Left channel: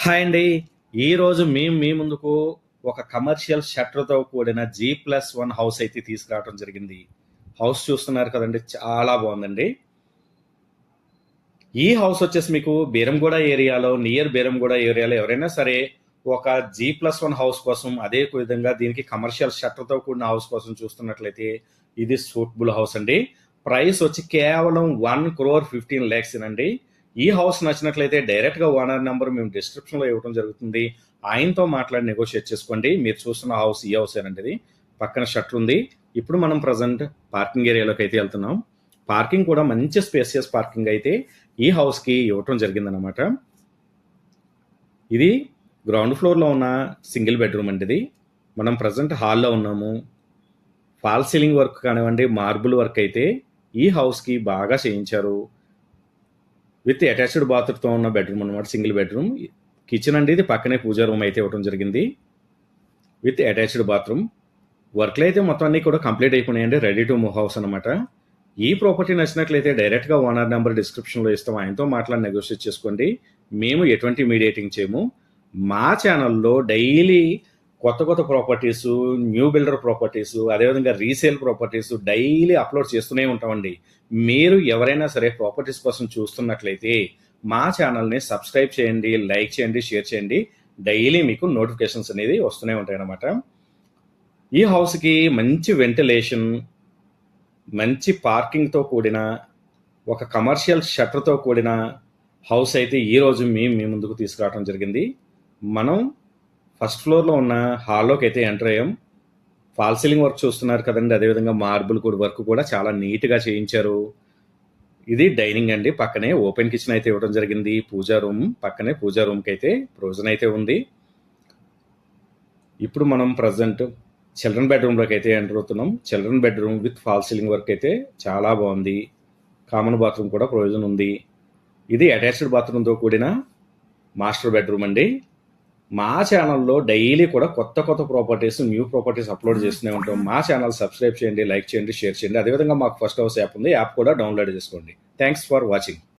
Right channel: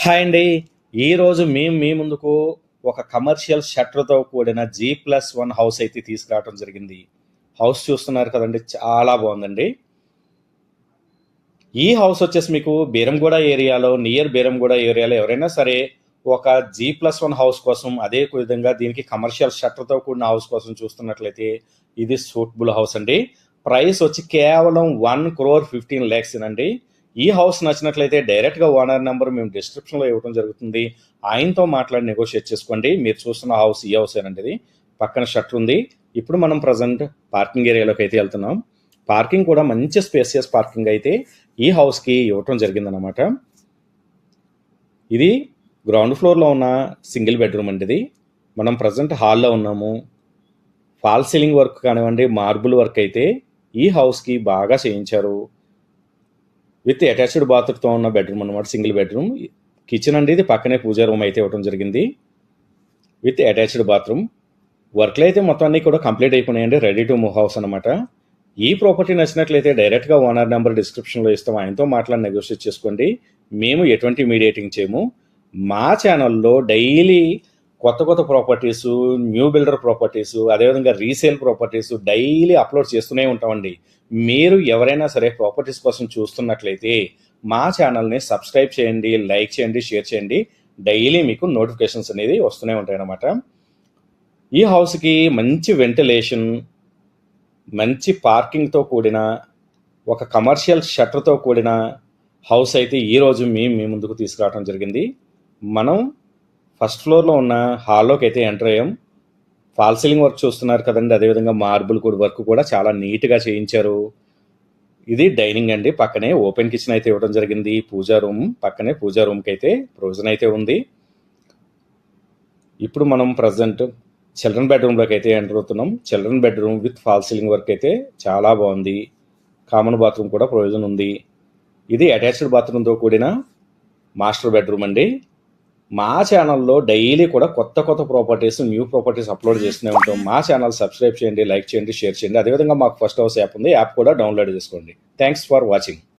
Hi అండి. ఈరోజు మేము మీ ముందుకు ఒక కమర్షియల్ షట్టర్‌తో కూడిన G+1 హౌస్ అయితే తీసుకురావడం జరిగింది. హౌస్ చూస్తున్నారు కదండీ! చాలా బాగుందండి. ఈ హౌస్ వచ్చేసి మీకు బీరంగూడ ఏరియాలో, నియర్ బీరంగూడ ఏరియాలో ఎవరైనా సరే ఒక G+1 హౌస్ కోసం, అదే విధంగా దీనికి కమర్షియల్ షట్టర్‌తో కూడిన హౌస్ కోసం చూస్తున్నట్లయితే ఇది సూటబుల్ హౌస్ అండి. ప్రైస్ వచ్చి కేవలం 1,15,00,000 అండి. ఈ హౌస్ నచ్చినట్లయితే డైరెక్ట్‌గా ఓనర్ నెంబర్ మేము డిస్క్రిప్షన్‌లో ఇవ్వడం జరుగుతుంది. ఆయనతో మాట్లాడి నెగోషియేట్ చేసుకోండి. మీరు చూస్తున్న హౌస్ ఈ హౌసేనండి ఇది. పక్కన షట్టర్ ఉంది. ఇప్పుడు మనం ప్రెజెంట్ పార్కింగ్ ఏరియాలోకి అయితే వెళ్తున్నాం. పార్కింగ్ కూడా మంచి స్పేసియస్ పార్కింగ్ అయితే ఈ హౌస్‌కి ఇవ్వటం జరిగిందనమాట. ఇది గ్రౌండ్ ఫ్లోర్‌లో ఉన్న సింగిల్ బెడ్రూమ్ అండి ఇది. మనం ప్రెజెంట్ హాల్‌లో ఉన్నాము. ఫాల్ సీలింగ్ వర్క్ కానివ్వండి, మార్బుల్ వర్క్ అయితే ఈ హౌస్‌కి బాగా చేయించారు. విత్ అటాచ్డ్ బాత్రూమ్తో ఉన్న బెడ్రూమ్ అనమాట, సింగిల్ బెడ్రూమ్. కిచెన్ అండి ఇది. పక్కనే పూజా రూమ్ అయితే ఇవ్వడం జరిగింది విత్ అటాచ్డ్ బాత్రూమ్. వర్క్లు అయితే మొత్తం అన్నీ కూడా కంప్లీట్ అయిపోయినాయండి. రెడీ టు మూవ్ హౌస్ అనమాట. ఈ ప్రాపర్టీ నచ్చినట్లయితే డైరెక్ట్గా ఓనర్ నెంబర్ డిస్క్రిప్షన్లో ఇస్తాం. ఆయనతో మాట్లాడి నెగోషియేట్ చేసుకోండి. మేము ఎటువంటి మీడియేటింగ్ చేయము. మా ఛానల్లో డైలీ కొత్త కొత్త ప్రాపర్టీసు, న్యూ బిల్డర్ ప్రాపర్టీసు, అదేవిధంగా రీసేల్ ప్రాపర్టీసు డైలీ అప్లోడ్ చేస్తూనే ఉంటామండి. మీరు ఎవరైనా సరే ప్రాపర్టీస్ కోసం చూస్తున్నట్లయితే మా ఛానల్ని సబ్స్క్రైబ్ చేయండి, లైక్ చేయండి, షేర్ చేయండి. డైలీ మీకు నోటిఫికేషన్స్ అనేది వస్తూనే ఉంటాయి అన్నమాట. ఈ హౌస్కి మంచి వెంటిలేషన్, మంచి పార్కింగ్తో కూడిన ఒక కమర్షియల్ షట్టర్తో కూడిన హౌస్ అయితే ఈరోజు మేము మీ ముందుకు తీసుకురావడం జరిగింది. మనం ఫస్ట్ ఫ్లోర్లో ఉన్న హాల్లోకి అయితే ఎంటర్ అయ్యాం. ఫాల్ సీలింగ్ వర్క్ చూస్తున్నారు కదండి, అదేవిధంగా మార్బుల్ కూడా వర్క్ కూడా చాలా నీట్గా చేయించారు. ఇది డైనింగ్ అండి. పక్కనే ఓపెన్ కిచెన్ అయితే ఇవ్వడం జరిగింది. పూజా రూమ్ పక్కనే, పూజా రూమ్కి అయితే ప్రొవిజన్ అయితే ఉంది. ఇప్పుడు మనం ప్రజెంట్ చిల్డ్రన్ బెడ్రూమ్లోకి అయితే ఎంటర్ అవుతున్నాం. Children bedroom with fall ceiling work అయితే చాలా బాగుంది. కామన్ బాత్రూమ్ కూడా ప్రొవిజన్ ఉంది. ఇది అటాచ్డ్ బాత్రూమ్తో కూడిన మాస్టర్ బెడ్రూమ్ అండి. మా ఛానల్లో డైలీ కూడా కొత్త కొత్త ప్రాపర్టీస్, న్యూ ప్రాపర్టీస్ అప్లోడ్ చేస్తూనే ఉంటాం. మా ఛానల్ సబ్స్క్రైబ్ చేయండి, లైక్ చేయండి, షేర్ చేయండి. అదేవిధంగా మాకు ఫస్ట్ హౌస్ యాప్ ఉంది. యాప్ కూడా డౌన్లోడ్ చేసుకోండి. Thanks for watching.